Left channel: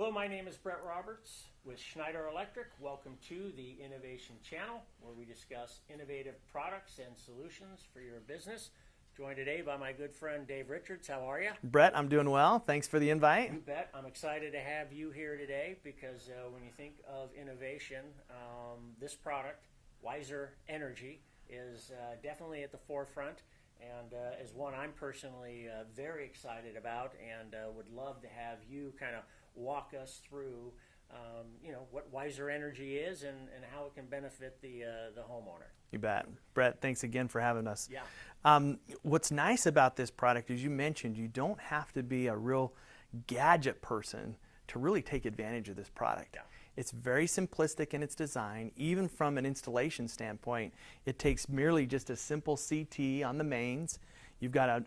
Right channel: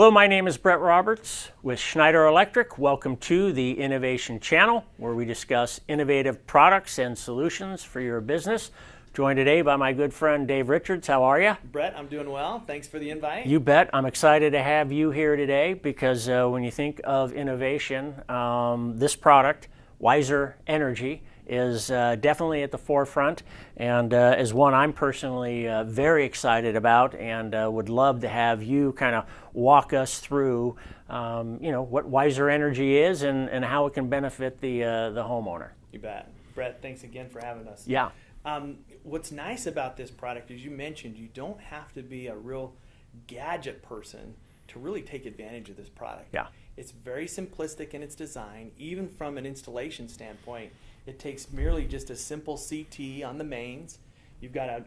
Hello, my name is Brett Roberts with Schneider Electric. Welcome to the Innovation Channel, where we discuss innovative products and solutions for your business. Joined today by my good friend Dave Richards. How are you? Brett, I'm doing well. Thanks for the invite. You bet. I'm excited to have you here today because when you think of innovation, this product, Wiser Energy, is definitely at the forefront and is one I'm personally very excited about and would love to have you kind of walk us through what Wiser Energy is and how it can benefit the homeowner. You bet. Brett, thanks again for having us. Yeah. What's nice about this product, as you mentioned, you don't have to be a real gadget person to really take advantage of this product. Yeah. It's very simplistic in its design. Even from an installation standpoint, it takes merely just a simple CT on the mains. You've got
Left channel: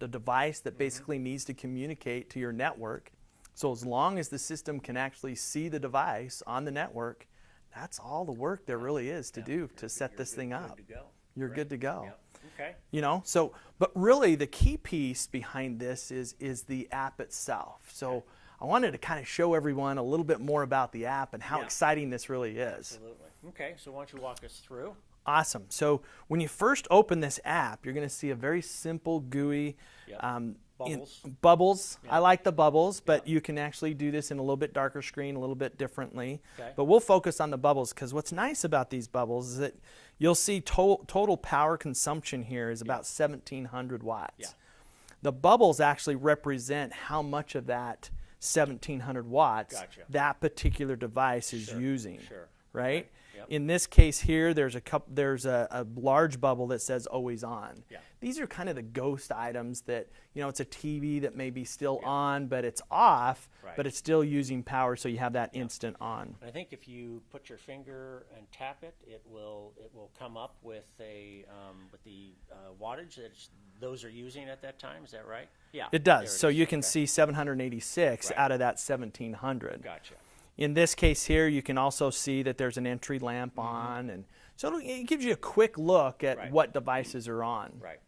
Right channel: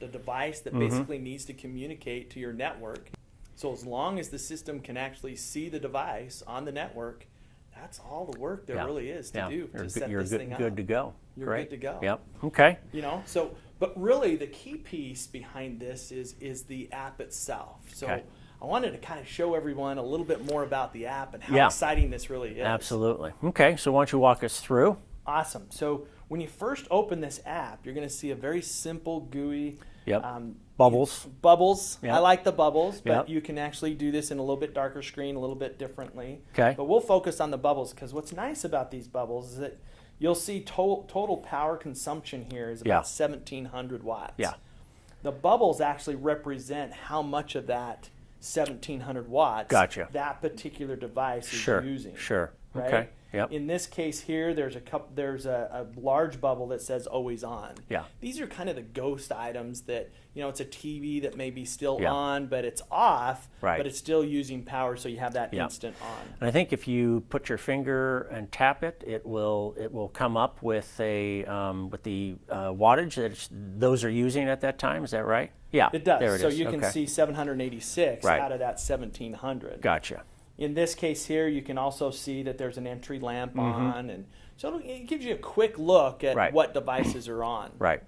a device that basically needs to communicate to your network. So as long as the system can actually see the device on the network, that's all the work there really is to do to set this thing up. You're good to go. You're Great. good to go. Yep. Okay. But really the key piece behind this is the app itself. So I wanted to kind of show everyone a little bit more about the app and how exciting this really is. Absolutely. Okay, so why don't you walk us through? Awesome. So when you first open this app, you're going to see a very simple GUI. Bubbles. Bubbles. Yep. I like the bubbles, but you can actually do this in a little bit darker screen, a little bit differently. Okay. But we'll focus on the bubbles because what's nice about these bubbles is that you'll see total power consumption here is about 1,700 watts. Yeah. The bubbles actually represent how much of that 1,700 watts that particular device is using. Sure. Right. Okay. Yep. In this case here, there's a large bubble that says always on. Yeah. These are kind of the ghost items that, it's a TV that may be still on, but it's off, but it's still using power, so you have that instant on. And I think if you put your finger and tap it, it will come up with the wattage that those are using at that time. Is that right? Yeah. It does. There it so is. you can see 786 out of that 1,700. Gotcha. In this case here, you can also see that there's an entry lamp on, and so it gives you a quick look at what devices are on. Right.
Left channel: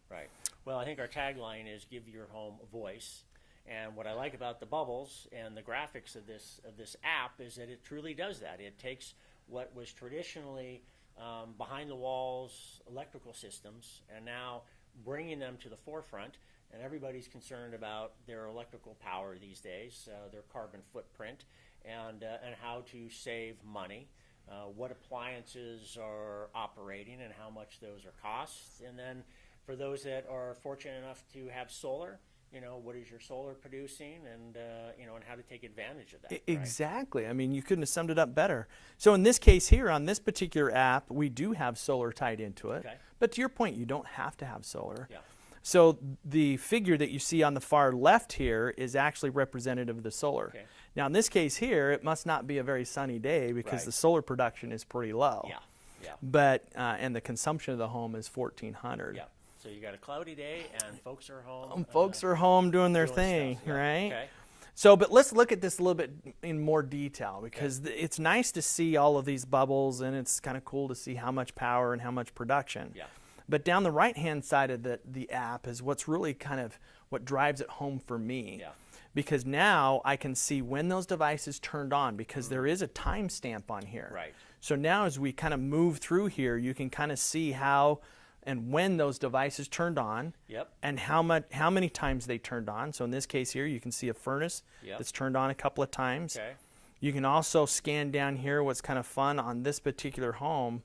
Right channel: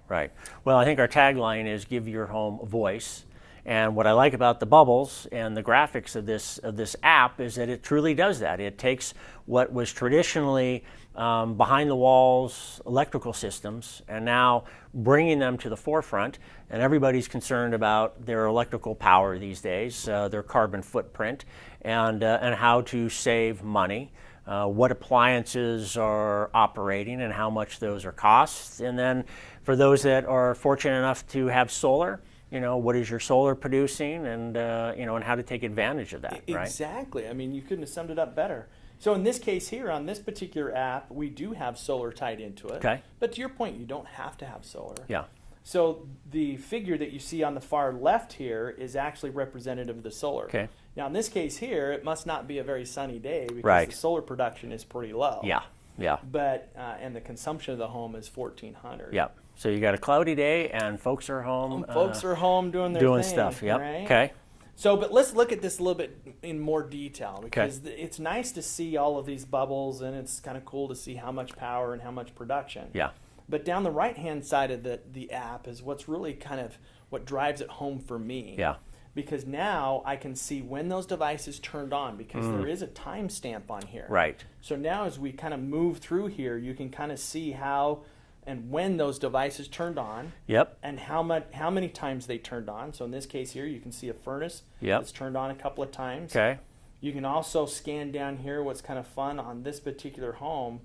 Well, I think our tagline is "Give your home a voice." And what I like about the bubbles and the graphics of this app is that it truly does that. It takes what was traditionally behind the walls electrical systems and now bringing them to the forefront. And everybody's concerned about their electrical power these days, their carbon footprint, and how to save money. What appliances are operating and how much those are costs. And then for those that are fortunate enough to have solar, what is your solar producing and and how to take advantage of that. Exactly. I mean, you couldn't have summed it up better. So in this case here, on this particular app, we do have solar tied into it. Okay. But to your point, you don't have to have solar. Yeah. So the figure that you see on the far left here is actually representative of the solar. Okay. Now in this case here, it must not be a very sunny day because the solar production is pretty low. Yeah. But and the consumption of the home is 1,400. Yeah. So you got a cloudy day and folks are home. Folks are home doing their thing. Stuff. Yep. Right? Okay. So, but let's look at this a little bit in more detail because it's nice to see all of these bubbles and it's kind of cool to see how much power and how much production. Yeah. But down the right-hand side of the app is what's really kind of what drives it home for me. Yeah. Because now I can see when those devices turned on because there is a timestamp on here. Right. So now as we kind of move through here, you can kind of see how and when those devices turned on. Yep. And how many times they turned on. So in this case here, you can see a furnace that's turned on a couple of times. Okay. You can also scan down here. What's kind of fun on this particular home.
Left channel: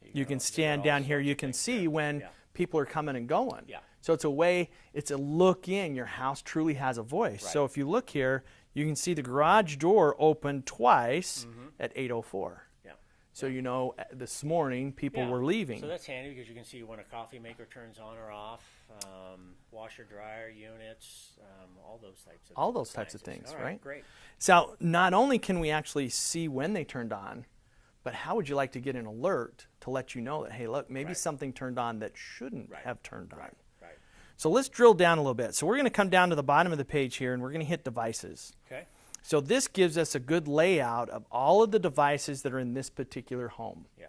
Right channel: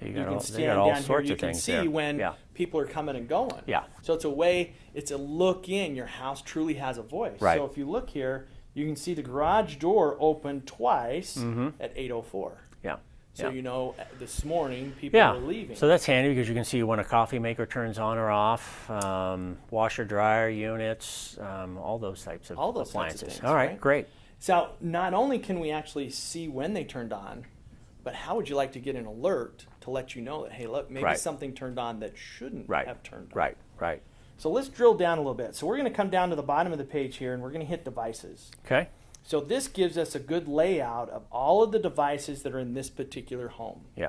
You can scan down here. You can see when people are coming and going. Yeah. So it's a look in. Your house truly has a voice. Right. So if you look here, you can see the garage door opened twice at 8:04. Yeah. So this morning people are leaving. So that's handy because you can see when a coffee maker turns on or off, washer dryer units, all those types of appliances. Types of things, all right, great. So not only can we actually see when they turned on, but how would you like to get an alert to let you know that, hey, look, maybe something turned on that shouldn't have turned on. Right. So let's drill down a little bit. So we're going to come down to the bottom of the page here, and we're going to hit devices. Okay. So this gives us a good layout of all of the devices that are in this particular home. Yeah.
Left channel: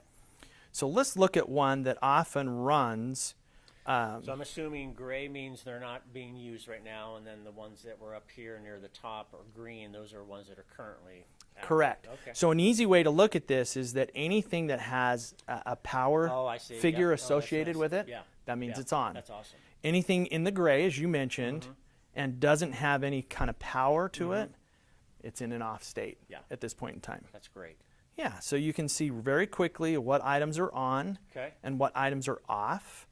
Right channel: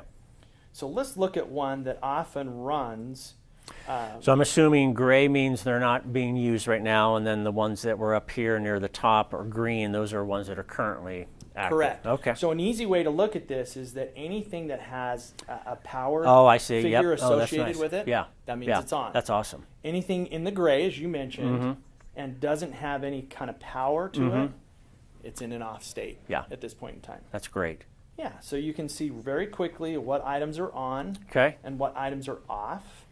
So let's look at one that often runs So I'm assuming gray means they're not being used right now, and then the ones that were up here near the top are green. Those are ones that are currently active. Correct. Okay. So an easy way to look at this is that anything that has a power I see. figure Yep. Oh, that's associated nice. with it, Yeah. that means Yeah. it's on. That's awesome. Anything in the gray, as you mentioned, and doesn't have any kind of power to it, it's in an off state at this point in time. That's great. Yeah, so you can see very quickly what items are on Okay. and what items are off.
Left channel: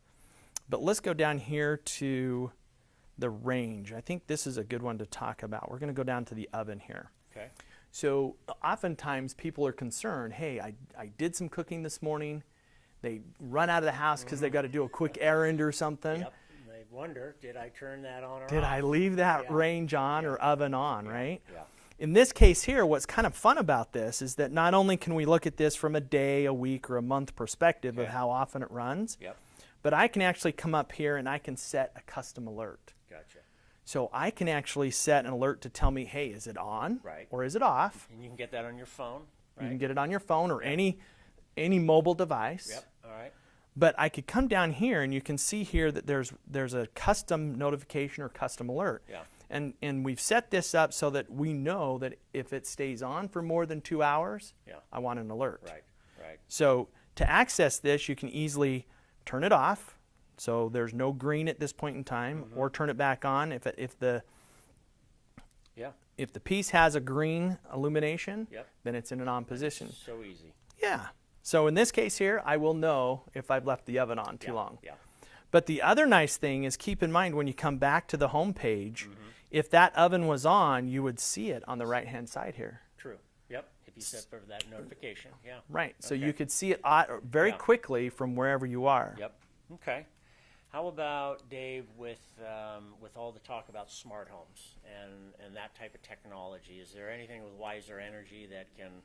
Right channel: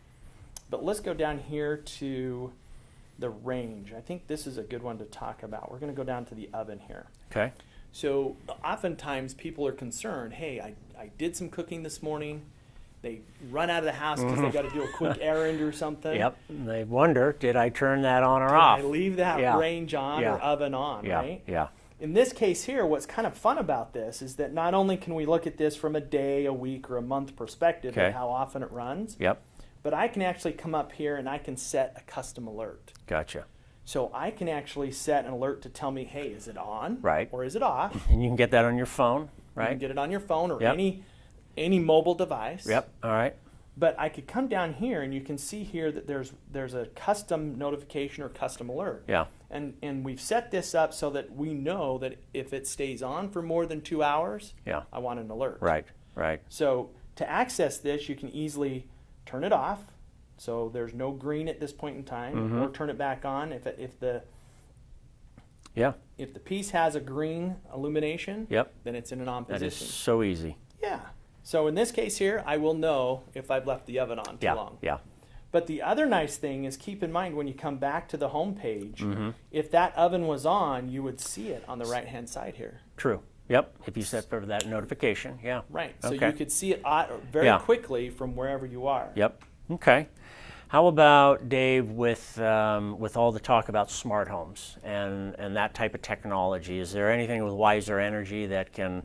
But let's go down here to the range. I think this is a good one to talk about. We're going to go down to the oven here. Okay. So oftentimes people are concerned, hey, I did some cooking this morning. They run out of the house because they got to do a quick errand or something. Yep. And they wonder, did I turn that on or Did off? I leave that Yeah. range on Yeah. or oven on, Yeah. right? Yeah. In this case here, what's kind of fun about this is that not only can we look at this from a day, a week, or a month perspective Okay. of how often it runs, Yep. but I can actually come up here and I can set a custom alert. Gotcha. So I can actually set an alert to tell me, hey, is it on? Right. Or is it off? And you can get that on your phone, You right? can get it on your phone or Yep. any mobile device. Yep. All right. But I could come down here and you can see here that there's a custom notification or custom alert. Yeah. And we've set this up so that we know that if it stays on for more than 2 hours, Yeah. I want an alert. Right. Right. So to access this, you can easily turn it off. So there's no green at this point in time, or turn it back on if Yeah. the piece has a green illumination. Yep. Then it's in an on That is position. so easy. Yeah. So in this case here, I will know if I've left the oven on too Yeah. long. Yeah. But the other nice thing is keep in mind when you come back to the home page, Mm-hmm. if that oven was on, you would see it on the right-hand side here. True. Yep. If you set for that notification. Yeah. Right. So Okay. you could see it very Yeah. quickly from wherever you are. Yep. Okay. How about, Dave, with all the talk about smart homes and that type of technology? Is there anything with Wiser Energy that can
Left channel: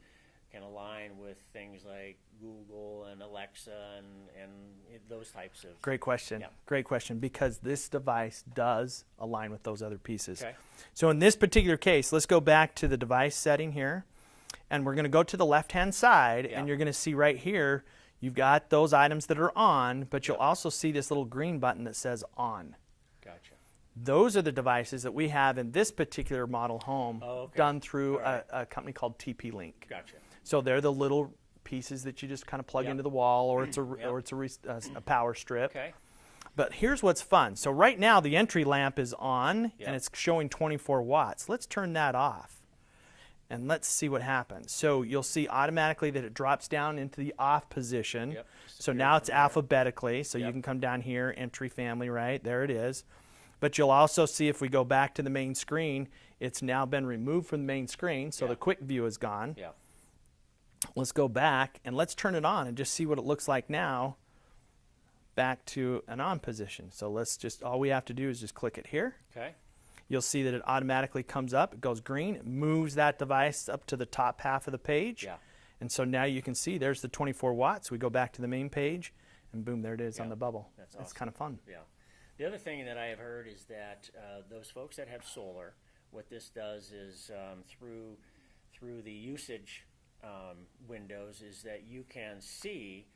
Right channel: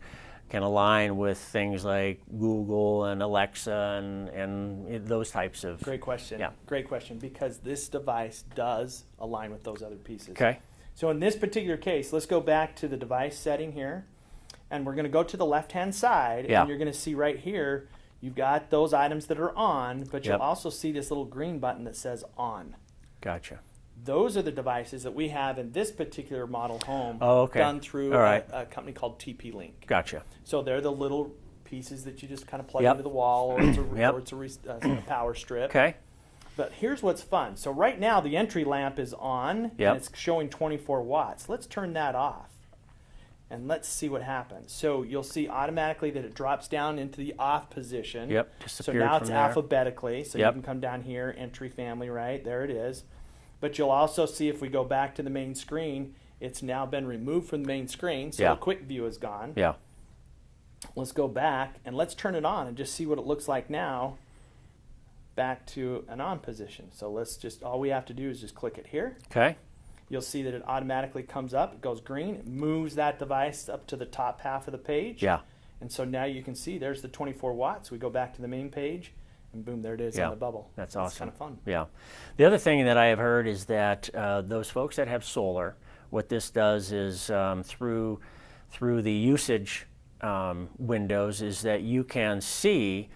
align with things like Google and Alexa and those types of? Great question. Yeah. Great question, because this device does align with those other pieces. Okay. So in this particular case, let's go back to the device setting here, and we're going to go to the left-hand side, Yeah. and you're going to see right here, you've got those items that are on, but you'll Yep. also see this little green button that says on. Gotcha. Those are the devices that we have in this particular model home Oh, okay. done through All right. a company called TP-Link. Gotcha. So they're the little pieces that you just kind of plug Yep. into the wall, or it's a, Yep. or it's a power strip. Okay. But here's what's fun. So right now the entry lamp is on, Yep. and it's showing 24 watts. Let's turn that off, and let's see what happens. So you'll see automatically that it drops down into the off position. Yep. So Disappeared now from it's there. alphabetically. So you Yep. can come down here, entry family, right? There it is. But you'll also see if we go back to the main screen, it's now been removed from the main screen, so Yeah. the quick view is gone. Yeah. Let's go back and let's turn it on and just see what it looks like now back to an on position. So let's just, all we have to do is just click it here. Okay. You'll see that it automatically comes up, it goes green, it moves that device up to the top half of the page. Yeah. And so now you can see there's the 24 watts. We go back to the main page and boom, there it is Yeah. on the bubble. That's It's awesome. kind of fun. Yeah. The other thing that I have heard is that those folks that have solar, what this does is through the usage windows is that you can see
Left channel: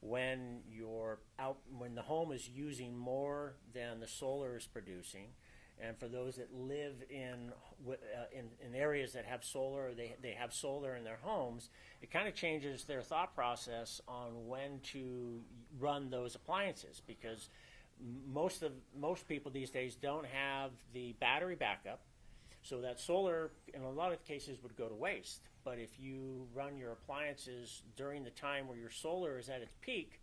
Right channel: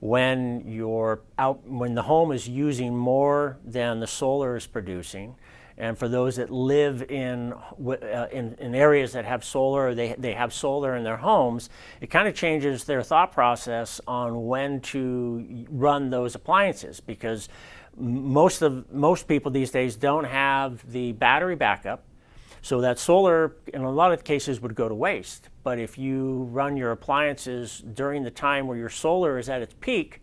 when when the home is using more than the solar is producing. And for those that live in areas that have solar, or they have solar in their homes, it kind of changes their thought process on when to run those appliances, because most people these days don't have the battery backup, so that solar in a lot of cases would go to waste. But if you run your appliances during the time where your solar is at its peak,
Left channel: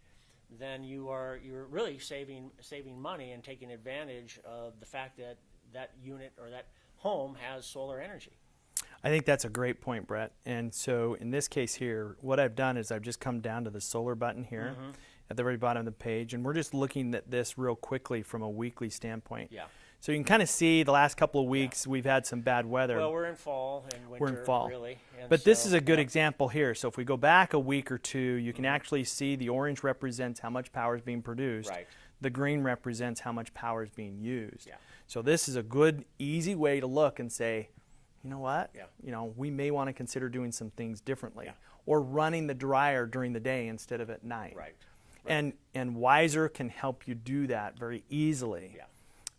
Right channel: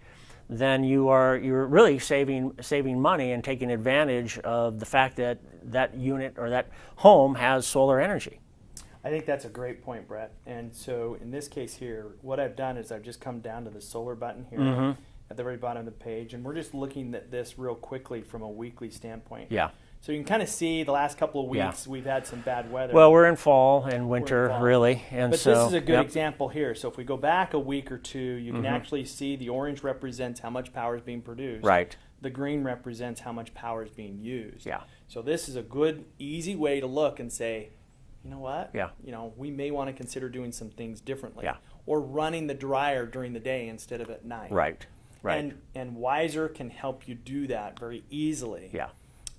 then you're really saving money and taking advantage of the fact that that unit or that home has solar energy. I think that's a great point, Brett. And so in this case here, what I've done is I've just come down to the solar button here at the very bottom of the page, and we're just looking at this real quickly from a weekly standpoint. Yeah. So you can kind of see the last couple of weeks we've had some bad weather. Well, we're in fall and winter, fall. really. And But so, this is a good yep. example here. So if we go back a week or two, you can actually see the orange represents how much power is being produced. Right. The green represents how much power is being used. Yeah. So this is a good, easy way to look and say, you know what? Yeah. You know, we may want to consider doing some things differently. Yeah. Or running the dryer during the day instead of at night. Right. Right. And Wiser can help you do that very easily. Yeah.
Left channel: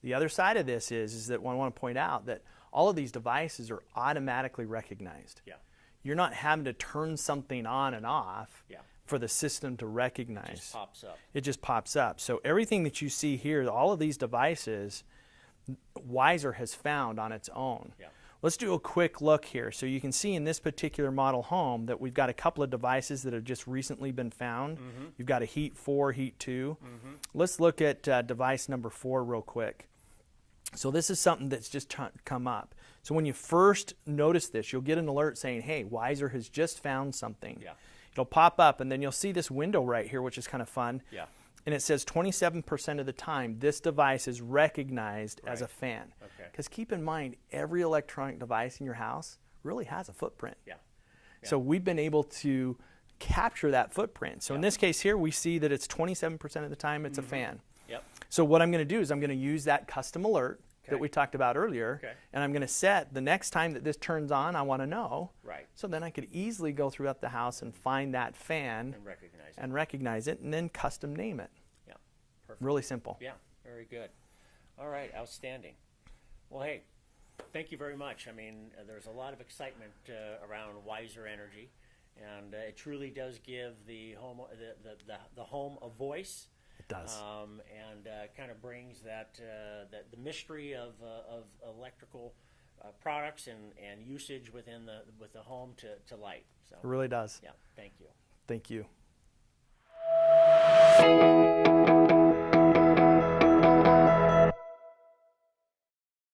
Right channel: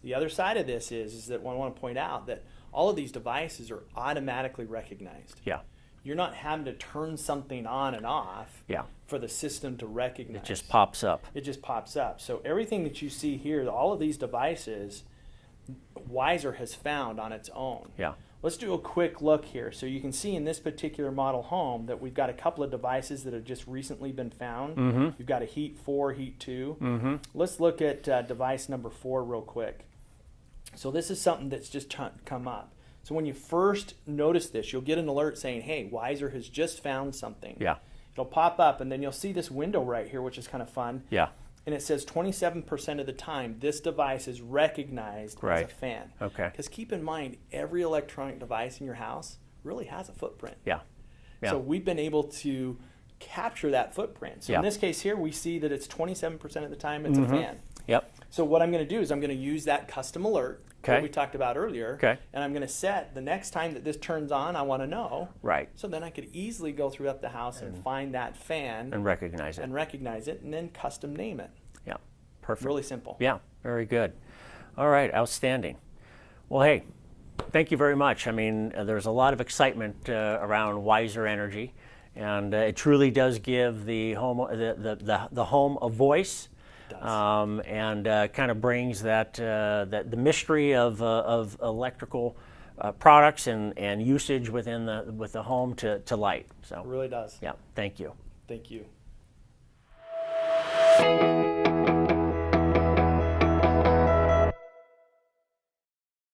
The other side of this is that I want to point out that all of these devices are automatically recognized. Yeah. You're not having to turn something on and off Yeah. for the system to recognize. It just pops up. It just pops up. So everything that you see here, all of these devices, Wiser has found on its own. Yeah. Let's do a quick look here. So you can see in this particular model home that we've got a couple of devices that have just recently been found. Mm-hmm. You've got a Heat 4, Heat 2. Mm-hmm. Let's look at device number 4 real quick. So this is something that's just come up. So when you first notice this, you'll get an alert saying, hey, Wiser has just found something. Yeah. It'll pop up, and then you'll see this window right here, which is kind of fun. Yeah. And it says 27% of the time, this device is recognized as a Right. fan. Okay. Because keep in mind, every electronic device in your house really has a footprint. Yeah. Yeah. So we've been able to capture that footprint. So Yeah. in this case here, we see that it's 27% of the time it's a fan. Yep. So what I'm going to do is I'm going to use that custom alert that Okay. we talked about earlier. Okay. And I'm going to set the next time that this turns on, I want to know. Right. So then I could easily go throughout the house and find that fan And recognize it. and recognize it and then custom name it. Yeah. Perfect. Really simple. Yeah. Very good. All right. Outstanding. Well, hey, thank you very much. I mean, there's a lot of excitement around Wiser Energy, and it truly does give the home the home a voice. And kind of brings that the mystery of electrical products and usage with the home to light. So It really does. yeah, thank you. Thank you.